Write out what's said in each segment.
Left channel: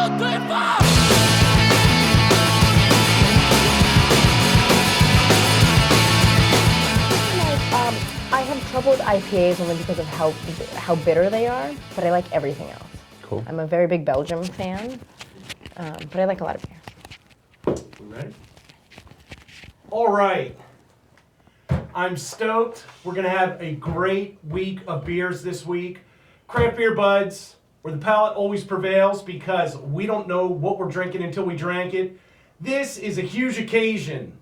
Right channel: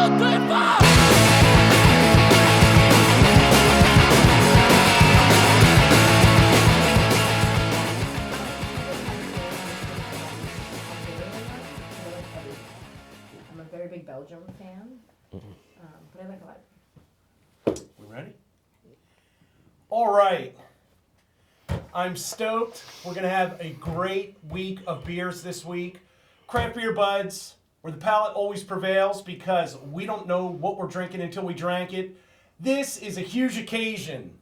I have trouble with IPAs only because of how bitter they are, but I like everything else. Cool. I'm a very big Belgium fan, but I like a lot of beer. We ready? All right. I'm stoked. We're going to have a great week of beers this week. Craft Beer Budz, where the palate always prevails because we don't know what we're drinking until we drank it. This is a huge occasion.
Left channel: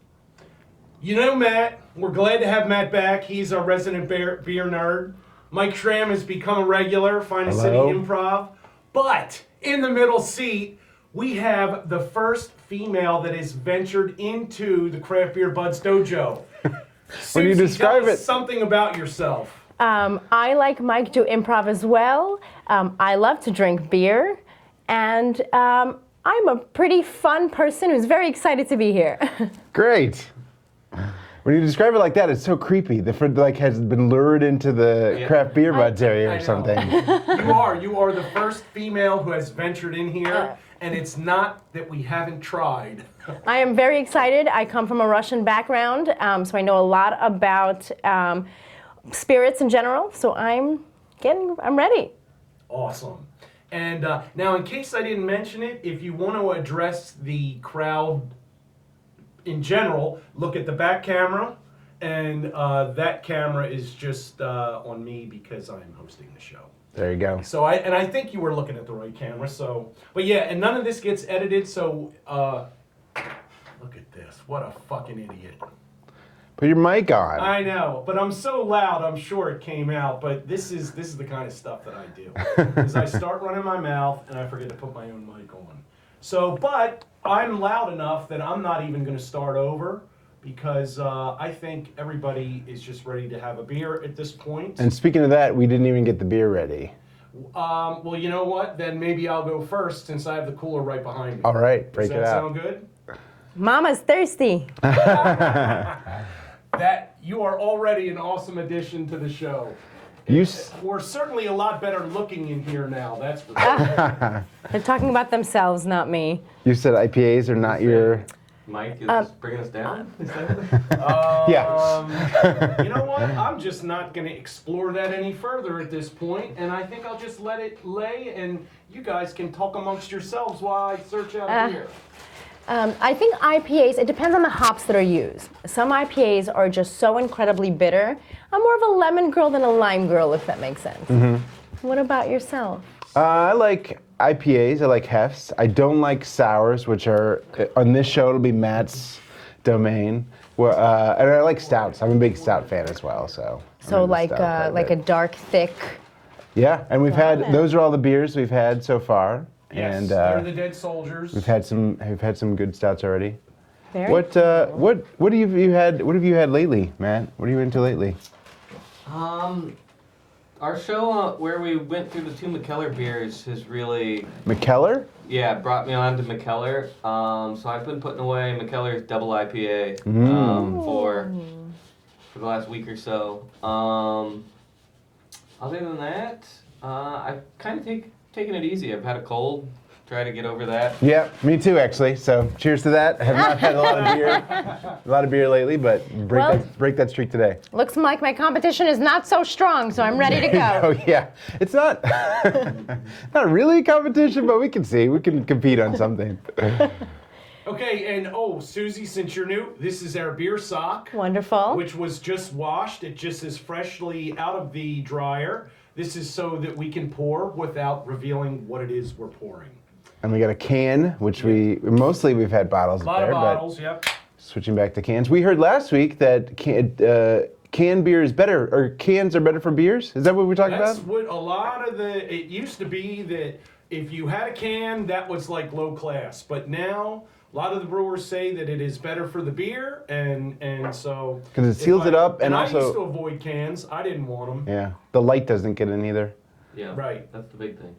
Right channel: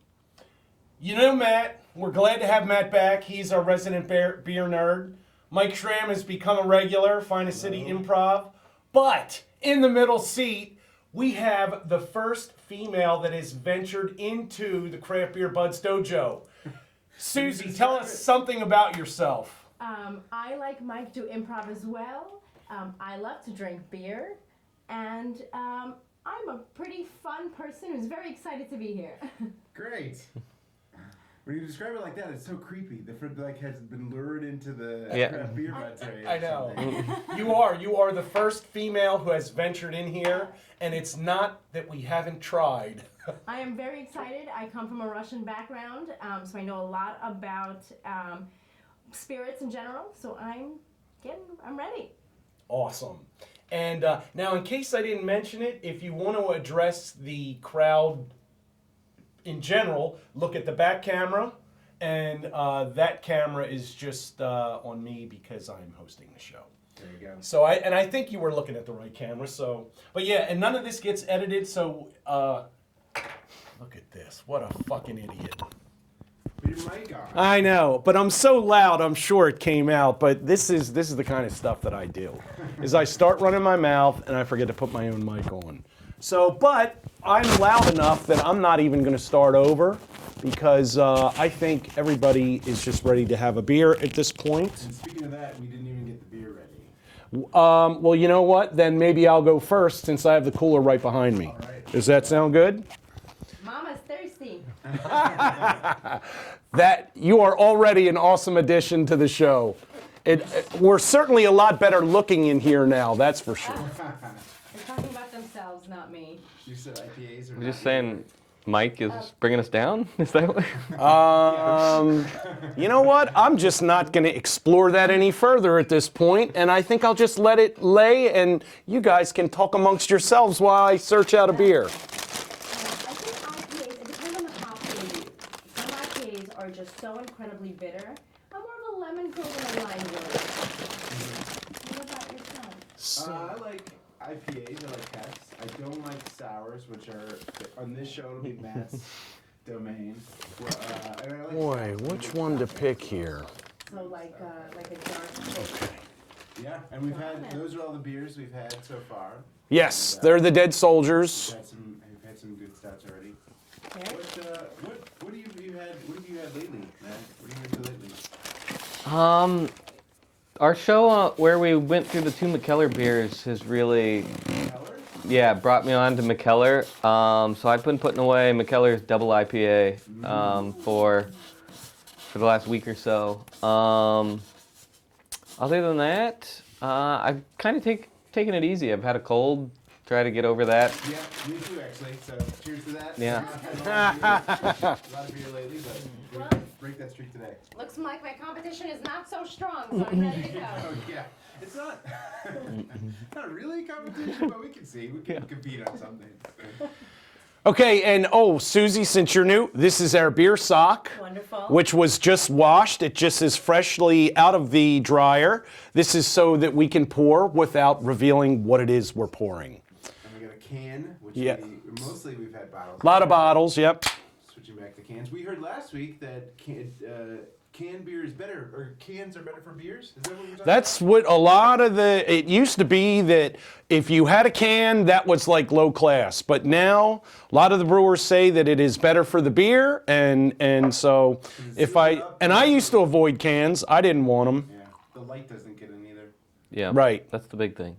You know Matt. We're glad to have Matt back. He's our resident beer nerd. Mike Schramm has become a regular, Finest City Improv. But in the middle seat, we have the first female that has ventured into the Craft Beer Budz dojo. When you describe tell us it, something about yourself. I, like Mike, do improv as well. I love to drink beer, and I'm a pretty fun person who's very excited to be here. great. When you describe it like that, it's so creepy. The friend like has been lured into the Craft Beer Budz area or something. You are the first female who has ventured in here, and it's not that we haven't tried. I am very excited. I come from a Russian background, so I know a lot about spirits in general. So I'm ready. Awesome. And now, in case I didn't mention it, if you want to address the crowd in general, look at the back camera, and that camera is just on me because I'm hosting the show. There you go. So I think you were looking at the right camera. So, but yeah, and none of this gets edited. So look at this. What a fucking idiot. Put your mic on. I know, but I'm so loud. I'm sure it came out. But this is the kind of stuff that I do. Is I start running my mouth and I forget to put my own mic on. So, but I'm loud enough that I'm not even going to start over because I think everybody is just ready to have a beer at this point. And speaking of that, we didn't even get the beer ready. Well, you know what? Then maybe I'll go first since I have the cooler right behind me. All right. Does that sound good? Mama's thirsty. That you are already an awesome addition to the show. We're certainly a lot better looking in here now, that's for sure. They're talking about themselves, not me. You said IPAs are not your... Mike is bringing us down? Is that what? Yeah. You know what? I'm just not going to explore that any further at this point, and I think I'll just let it lay, and you guys can talk amongst yourselves while I search out a beer. I think IPAs, it depends on the hops that are used. Some IPAs are just so incredibly bitter. I'm more of a lemon girl than a lime girl, if that makes sense. Mm-hmm. What about yourself? I like IPAs. I like hefts. I don't like sours, which are, on this show, it'll be Matt's domain. And I like stouts. I'm a big stout fan as well. So like a dark, thick. Yeah, and we've had, those are all the beers we've had so far. Yes, and, they're the dead soldiers. We've had some good stouts already. Very What have you had lately, Matt? What are you into lately? Our show where we went through the two McKellar beers has really... McKellar? Yeah, brought me on to McKellar. So I've been putting away McKellar's double IPA for the last week or so. Other than that, I've kind of taken it easy. I've had a cold. Try to get over that. Yeah, me too, actually. So cheers to that. I have not had a lot of beer lately, but break that streak today. Looks like my competition is not so strong, so I'm ready to go. Oh yeah, it's not not really a competition, but we can see. We can compete on something. Okay, and Susie, since you're new, this is our beer sock. Wonderful. Which was just washed. It just is freshly out of the dryer. This is so that we can pour without revealing what it is we're pouring. And we got a can, which we've had bottles. A lot of bottles, yep. Switching back to cans. We heard last week that canned beer is better, or cans are better for beers? Is that what we're talking about? That's what a lot of it used to be, that if you had a can, that was like low class. But now, a lot of the brewers say that it is better for the beer, and so... Because it seals it up. And I used to avoid cans. I didn't want them. Yeah. The light doesn't get in either. Yeah. Right. That's the big thing.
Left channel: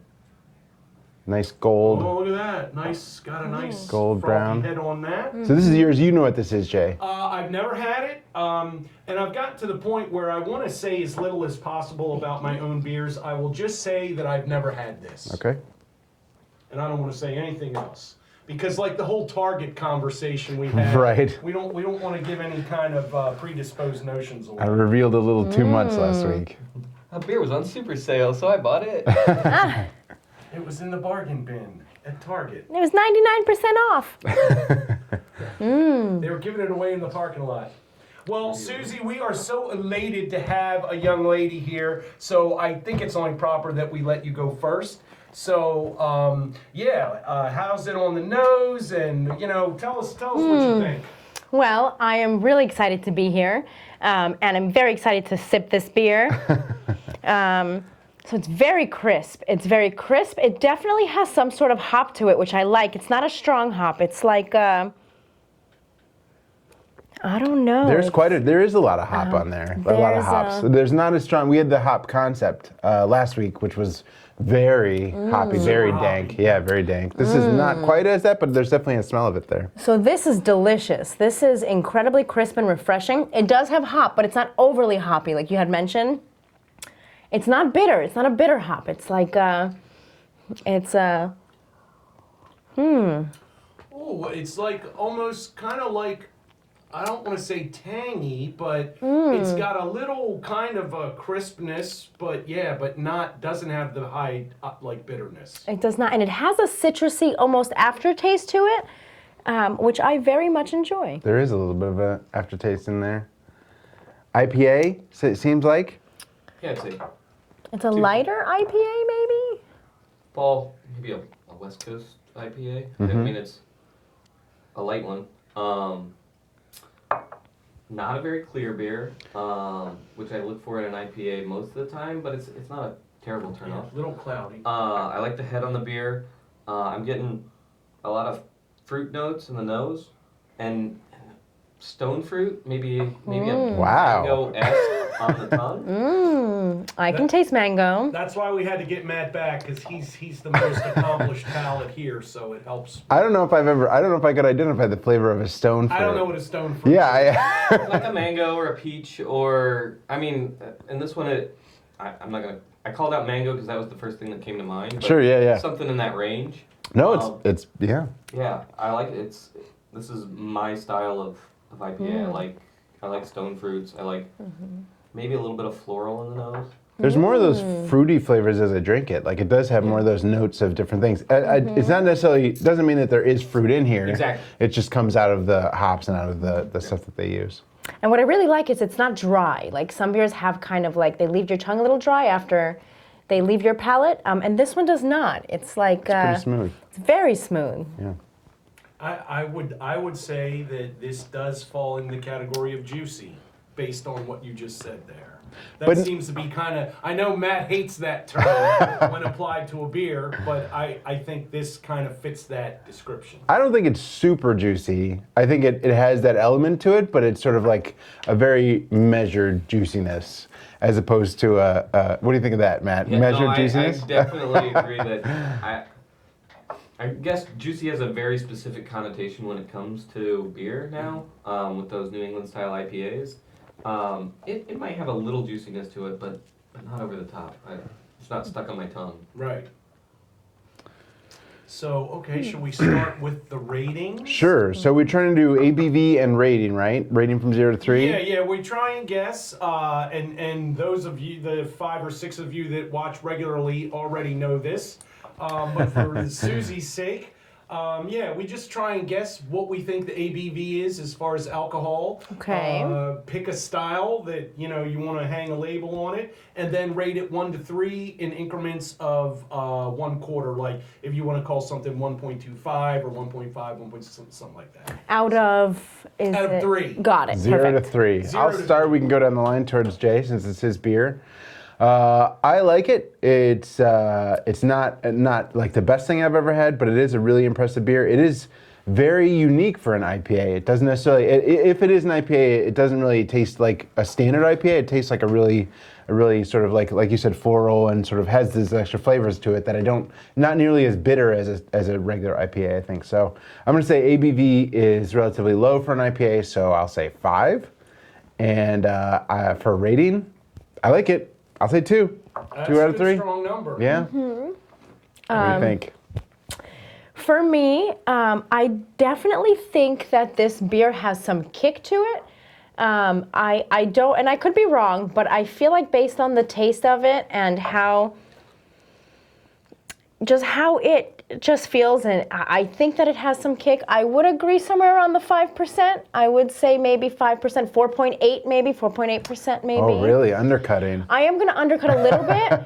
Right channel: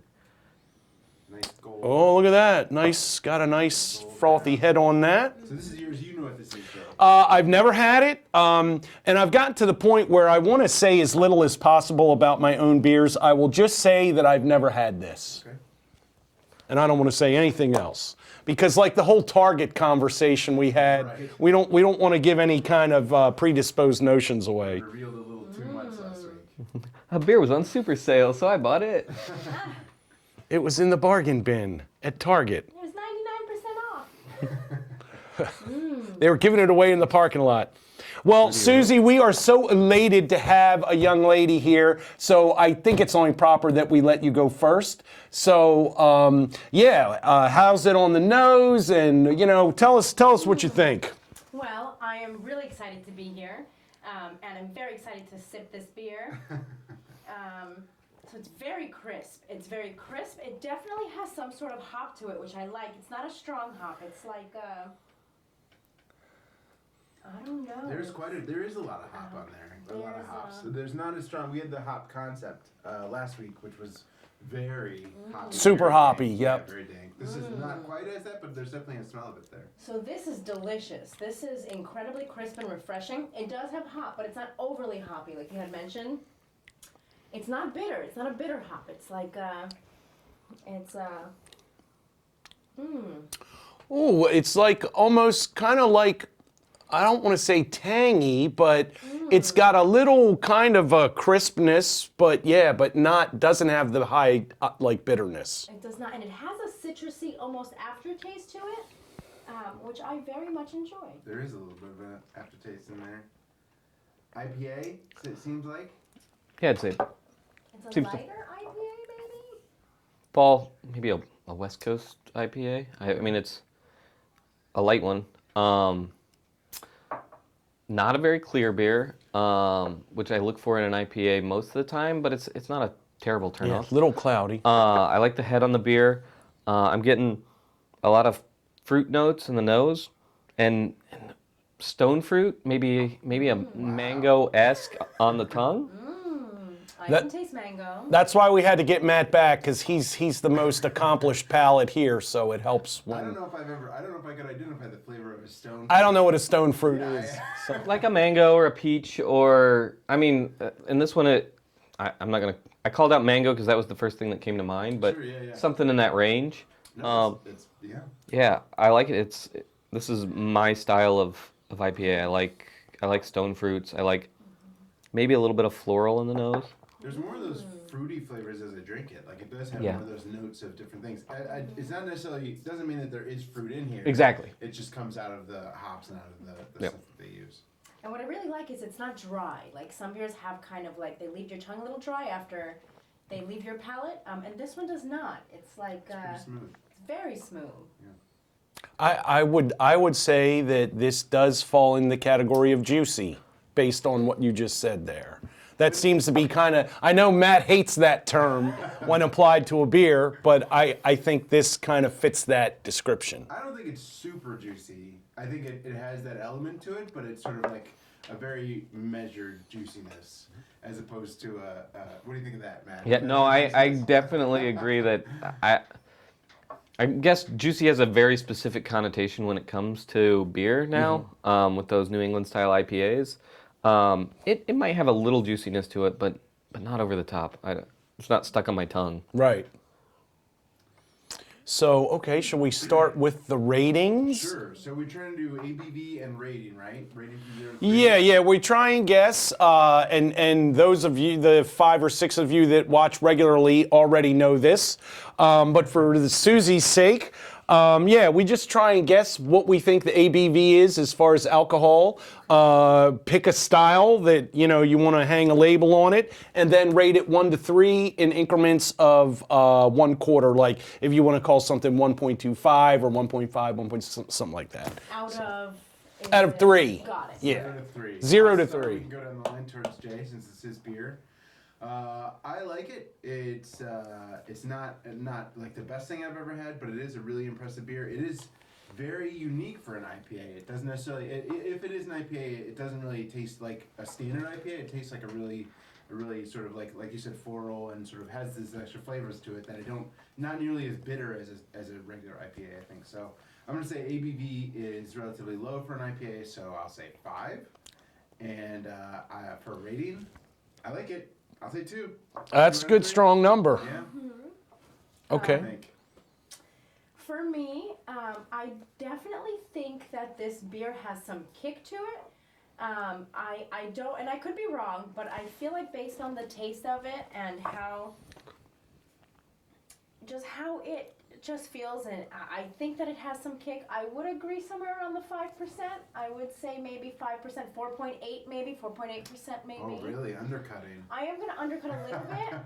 Nice gold. Oh, look at that. Nice, got a nice gold frothy brown head on that. So this is yours. You know what this is, Jay. I've never had it, and I've gotten to the point where I want to say as little as possible about my own beers. I will just say that I've never had this. Okay. and I don't want to say anything else. Because like the whole Target conversation we had, Right. we don't want to give any kind of predisposed notions away. I revealed a little too much last week. A beer was on super sale, so I bought it. It was in the bargain bin at Target. It was 99% off. They were giving it away in the parking lot. Well, Susie, we are so elated to have a young lady here, so I think it's only proper that we let you go first. So, how's it on the nose? And, tell us what you think. Well, I am really excited to be here, and I'm very excited to sip this beer. So it's very crisp. It's very crisp. It definitely has some sort of hop to it, which I like. It's not a strong hop. It's like, I don't know. There is a lot of hop on there. A lot of hops. There's not as strong. We had the hop concept last week, which was very hoppy, Super very hoppy, dank. yeah. Very dank. This is not quite as that, but there's definitely a smell of it there. So this is delicious. This is incredibly crisp and refreshing. It does have hop, but it's not overly hoppy, like you had mentioned. It's not bitter. It's not a bitter hop. It's like, Oh, it's like almost kind of like, I don't want to say tangy, but it's got a little kind of a crispness, but doesn't have the high like bitterness. it does not, and it has a citrusy almost aftertaste to it, which I very much enjoy. There is a little bit of an aftertaste in there. IPA, so it seems like. Yeah, it's a It's a lighter IPA, maybe? fall, maybe a West Coast IPA. I mean, it's a light one. Not a very clear beer, which I look for in an IPA most of the time, but it's not a terrible turnoff. Little cloudy. I like the head on the beer. I'm getting a lot of fruit notes in the nose, and stone fruit, maybe a mango-esque on the tongue. I can taste mango. That's why we had to get Matt back, because he's the most accomplished palate here, so it helps. I don't know if I could identify the flavor of a stone fruit. I don't know what a stone fruit is. Yeah, Like a mango or a peach, or in this one, I'm not gonna. I called out mango because that was the first thing that came to mind. But Sure, yeah. Something in that range. No, it's yeah. Yeah, I like it. This is my style of IPA. I like stone fruits. I like maybe a little bit of floral in the nose. There's more of those fruity flavors as I drink it. Like it does have more of those notes of different things. It's not necessarily, doesn't mean that there is fruit in here. Exactly. It just comes out of the hops and out of the stuff that they use. And what I really like is it's not dry. Like some beers have kind of like, they leave your tongue a little dry after they leave your palate. And this one does not. It's like, Pretty smooth. it's very smooth. Yeah. I would say that this does fall in the category of juicy, based on what you just said there. That seems to be kind of, I know Matt hates that term when applied to a beer, but I think this kind of fits that description. I don't think it's super juicy. I think it has that element to it, but it's sort of like a very measured juiciness, as opposed to what do you think of that, Matt? Yeah, measured I juiciness? definitely agree that I guess juicy has a very specific connotation when it comes to beer now, with those New England style IPAs. It might have a little juiciness to it, but not over the top. It's not stuck on my tongue. Right. So, okay, shall we start with the ratings? Sure. So we're trying to do ABV and rating, right? Rating from 0 to 3? Yeah, we try and guess, and those of you, the 5 or 6 of you that watch regularly already know this, but for Susie's sake, we just try and guess what we think the ABV is as far as alcohol. Okay. Pick a style that you want to hang a label on it, and then rate it 1 to 3 in increments of 1 quarter. Like if you want to call something 1.25 or 1.5, 1. Something like that. Out of 3. Got it. 0 to Perfect. 3. 0 I'll to start. 3. We can go down the line towards Jay since it's his beer. I like it. It's not like the best thing I've ever had, but it is a really impressive beer. It is very unique for an IPA. It doesn't necessarily, if it is an IPA, it doesn't really taste like a standard IPA. It tastes like a really sort of like you said, floral, and sort of has these extra flavors to it that not nearly as bitter as a regular IPA, I think. So I'm going to say ABV is relatively low for an IPA, so I'll say 5. And for rating, I like it. I'll say 2. That's 2 a out of good, 3. strong number. Yeah. What do you think? For me, I definitely think that this beer has some kick to it. I don't, and I could be wrong, but I feel like based on the taste of it and how it just feels, and I think that it has some kick. I would agree somewhere around the 5%. I would say maybe 5%, 4.8 maybe, 4.8% maybe. Oh, really? Undercutting. I am going to undercut a little bit,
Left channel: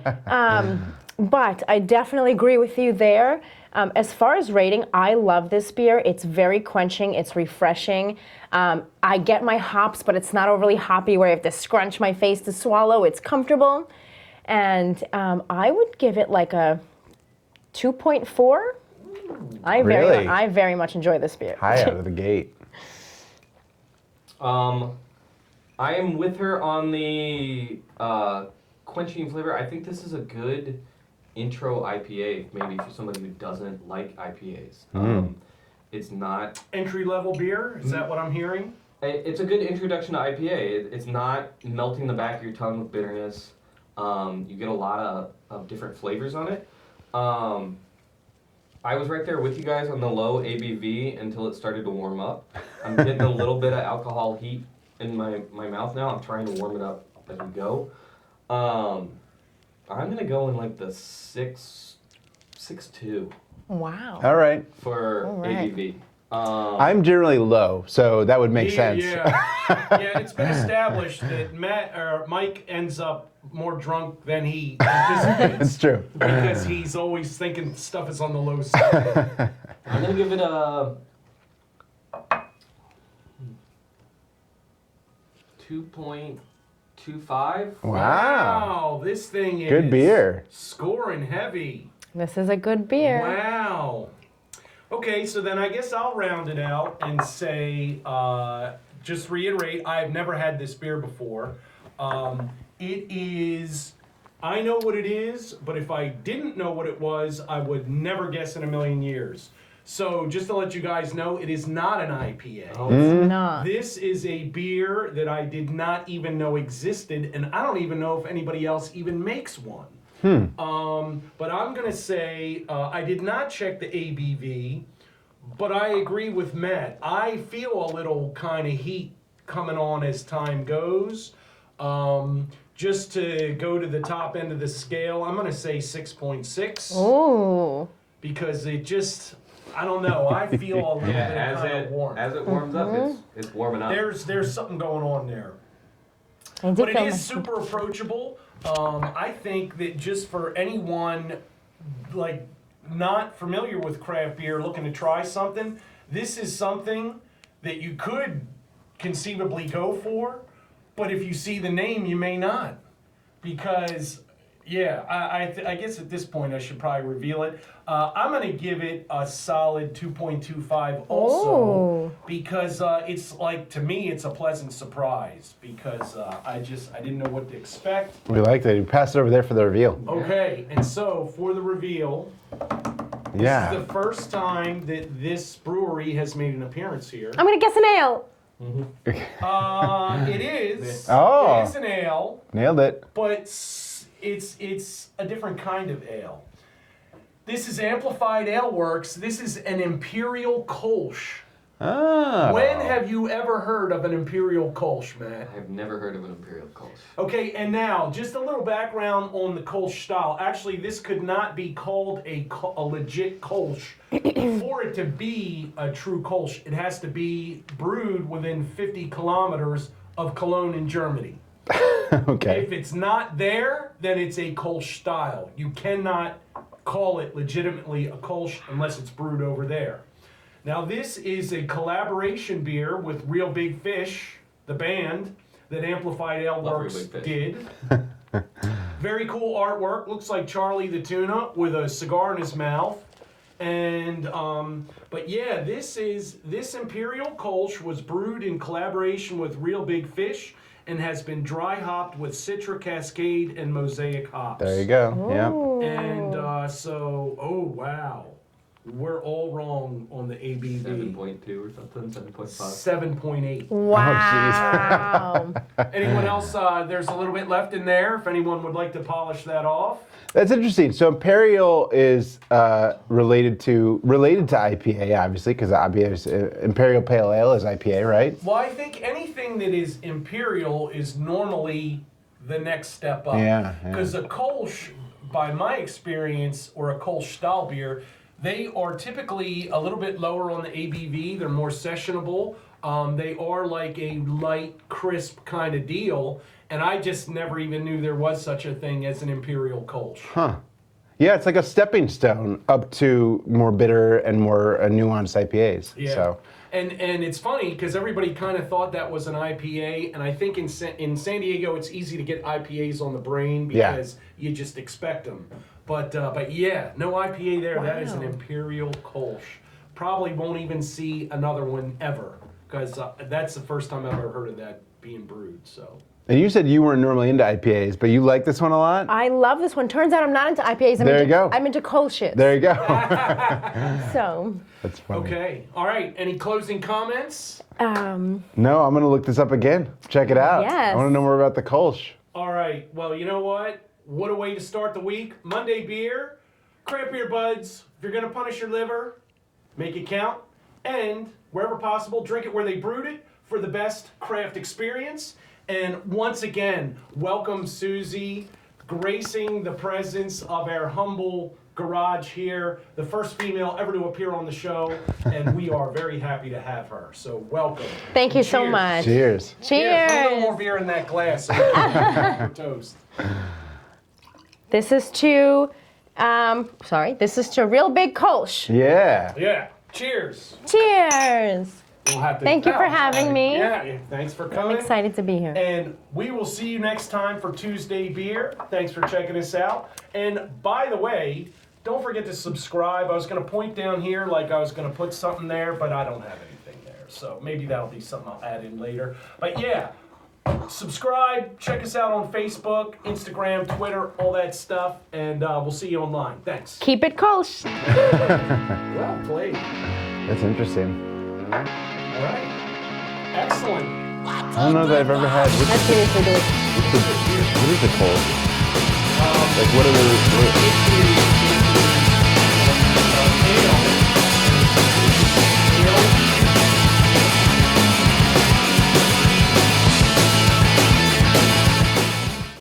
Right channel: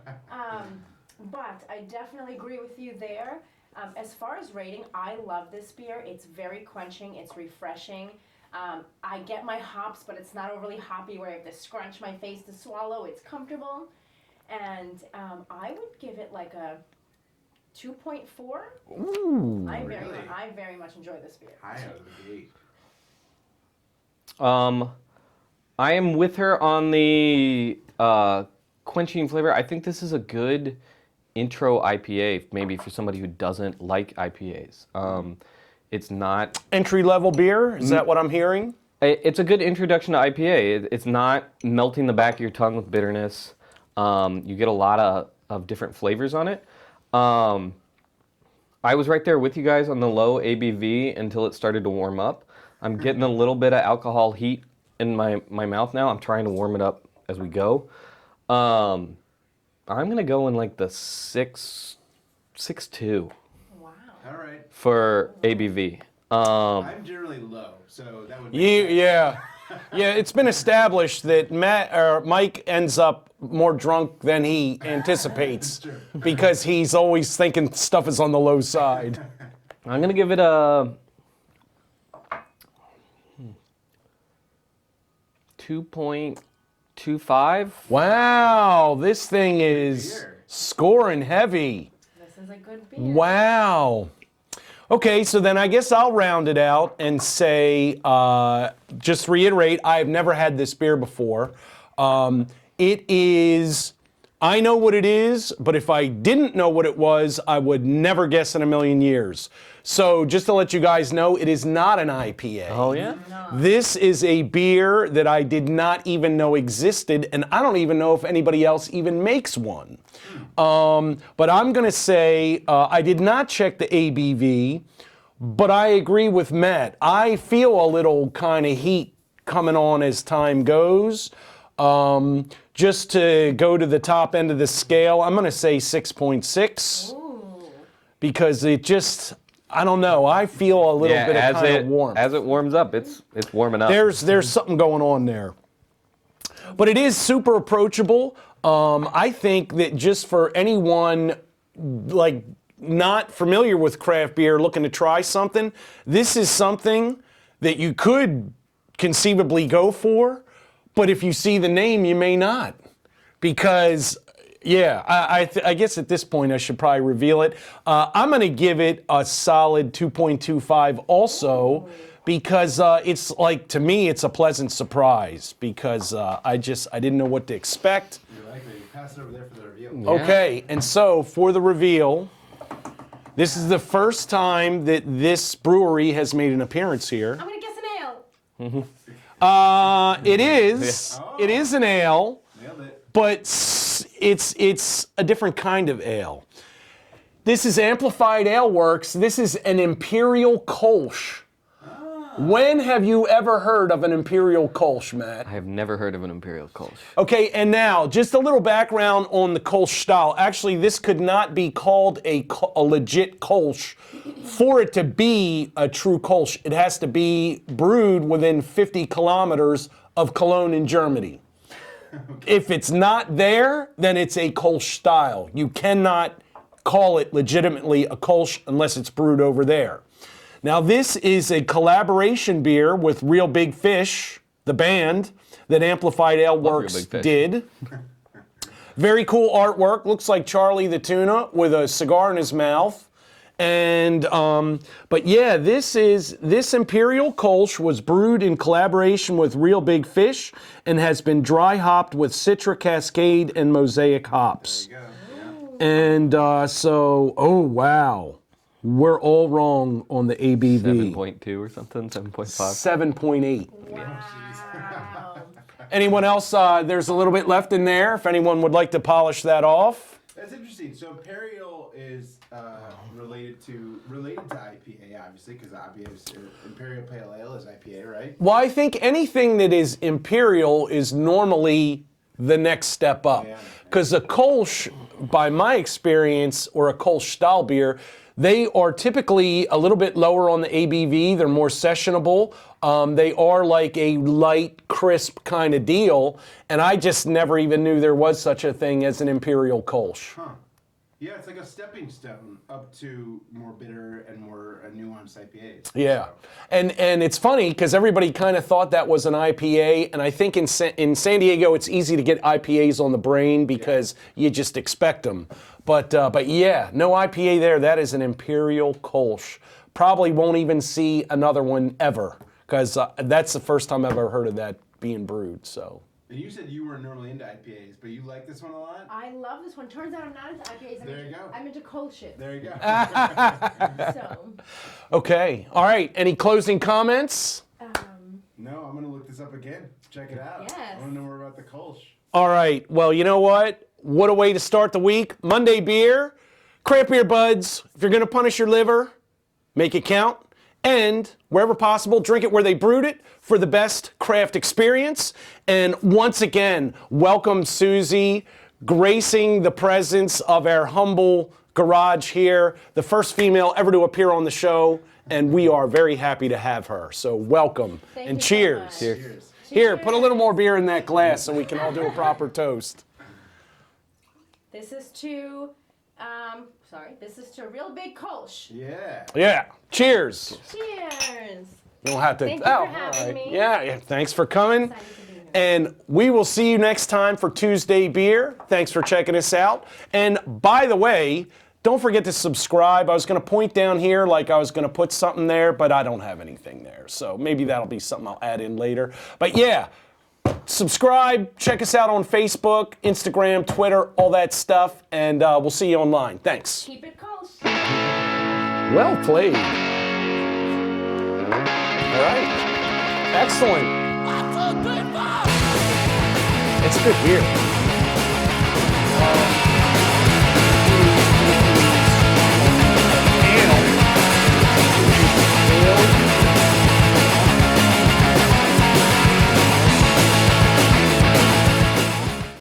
but I definitely agree with you there. As far as rating, I love this beer. It's very quenching. It's refreshing. I get my hops, but it's not overly hoppy where I have to scrunch my face to swallow. It's comfortable. And I would give it like a 2.4. I very much enjoy this beer. High out of the gate. I am with her on the quenching flavor. I think this is a good intro IPA, maybe for somebody who doesn't like IPAs. It's not Entry-level beer? Is that what I'm hearing? It's a good introduction to IPA. It's not melting the back of your tongue with bitterness. You get a lot of different flavors on it. I was right there with you guys on the low ABV until it started to warm up. I'm getting a little bit of alcohol heat in my mouth now. I'm trying to warm it up as we go. I'm going to go in like the 6.2 Wow. All right. for All right. ABV. I'm generally low, so that would make sense. Yeah, yeah. It's been established that Mike ends up more drunk than he anticipates. It's true. Because he's always thinking stuff is on the low side. I'm going to give it a 2.25. Wow, this thing is Good beer. scoring heavy. This is a good beer. Wow. Okay, so then I guess I'll round it out and say, just reiterate, I've never had this beer before. It is, I know what it is, but if I didn't know what it was, I would never guess in a million years. So just to let you guys know, it is not an IPA. Oh, yeah. No. This is a beer that I did not even know existed, and I don't even know if anybody else even makes one. But I'm going to say, I did not check the ABV, but I agree with Matt. I feel a little kind of heat coming on as time goes. Just to go to the top end of the scale, I'm going to say 6.6. Ooh. Because it just, I don't know, I feel a little bit of kind of warmth. As it warms up, it's warming up. There's something going on there. But it is super approachable. I think that just for anyone like not familiar with craft beer, looking to try something, this is something that you could conceivably go for. But if you see the name, you may not. Because, yeah, I guess at this point I should probably reveal it. I'm going to give it a solid 2.25 also. Ooh. Because it's like, to me, it's a pleasant surprise. Because I didn't know what to expect. We like that. You pass it over there for the reveal. Okay, and so for the reveal, this Yeah. is the first time that this brewery has made an appearance here. I'm going to guess an ale. It is. Oh. It is an ale, Nailed it. but it's a different kind of ale. This is Amplified Ale Works. This is an Imperial Kolsch. Oh. When have you ever heard of an Imperial Kolsch, Matt? I have never heard of an Imperial Kolsch. Okay, and now, just a little background on the Kolsch style. Actually, this could not be called a legit Kolsch. For it to be a true Kolsch, it has to be brewed within 50 kilometers of Cologne in Germany. Okay. If it's not there, then it's a Kolsch style. You cannot call it legitimately a Kolsch unless it's brewed over there. Now, this is a collaboration beer with Real Big Fish, the band that Amplified Ale Works Real Big Fish. did. Very cool artwork. Looks like Charlie the Tuna with a cigar in his mouth. And, but yeah, this Imperial Kolsch was brewed in collaboration with Real Big Fish and has been dry hopped with Citra Cascade and Mosaic hops. There you go. Yeah. And oh wow. We're all wrong on the ABV. 7.2 or something, 7.5. 7.8. Wow. Anyone else? There's a little bit left in there if anyone would like to polish that off. That's interesting. So Imperial is related to IPA, obviously, because IPA is Imperial Pale Ale is IPA, right? Well, I think anything that is imperial is normally the next step up. Yeah. Because a Kolsch, by my experience, or a Kolsch style beer, they are typically a little bit lower on the ABV. They're more sessionable. They are like a light, crisp kind of deal. And I just never even knew there was such a thing as an Imperial Kolsch. Huh. Yeah, it's like a stepping stone up to more bitter and more nuanced IPAs. Yeah. So. And it's funny because everybody kind of thought that was an IPA, and I think in San Diego it's easy to get IPAs on the brain because you just expect them. But yeah, no IPA there. That is an Imperial Kolsch. Probably won't even see another one ever because that's the first time I've ever heard of that being brewed. So. And you said you weren't normally into IPAs, but you like this one a lot? I love this one. Turns out I'm not into IPAs. I'm into Kolsch's. There you go. So. That's funny. Okay. All right. Any closing comments? No, I'm going to look this up again. Check it out. Yes. I want to know more about the Kolsch. All right. Well, you know what? What a way to start the week. Monday beer. Craft Beer Buds. If you're going to punish your liver, make it count. And wherever possible, drink it where they brewed it for the best craft experience. And once again, welcome Susie, gracing the presence of our humble garage here, the first female ever to appear on the show, and we are very happy to have her. So welcome. Thank and you cheers. so much. Cheers. Cheers. Here, put a little more beer in that glass so we can have a proper toast. This is to, this is to a real big Kolsch. Yeah. Yeah. Cheers. Cheers. We'll have to. Thank you for having me. Yeah, thanks for coming. Excited to be here. And we will see you next time for Tuesday Beer. Thanks for checking us out. And by the way, don't forget to subscribe. I was going to point down here like I was going to put something there, but I don't have anything there. So maybe that'll be something I'll add in later. But yeah, subscribe. Check us out on Facebook, Instagram, Twitter, all that stuff. And we'll see you online. Thanks. Keep it Kolsch. Well played. That's interesting. All right. Excellent. I don't know if I've ever had Let's do this. It's a good beer. Beautiful. What are you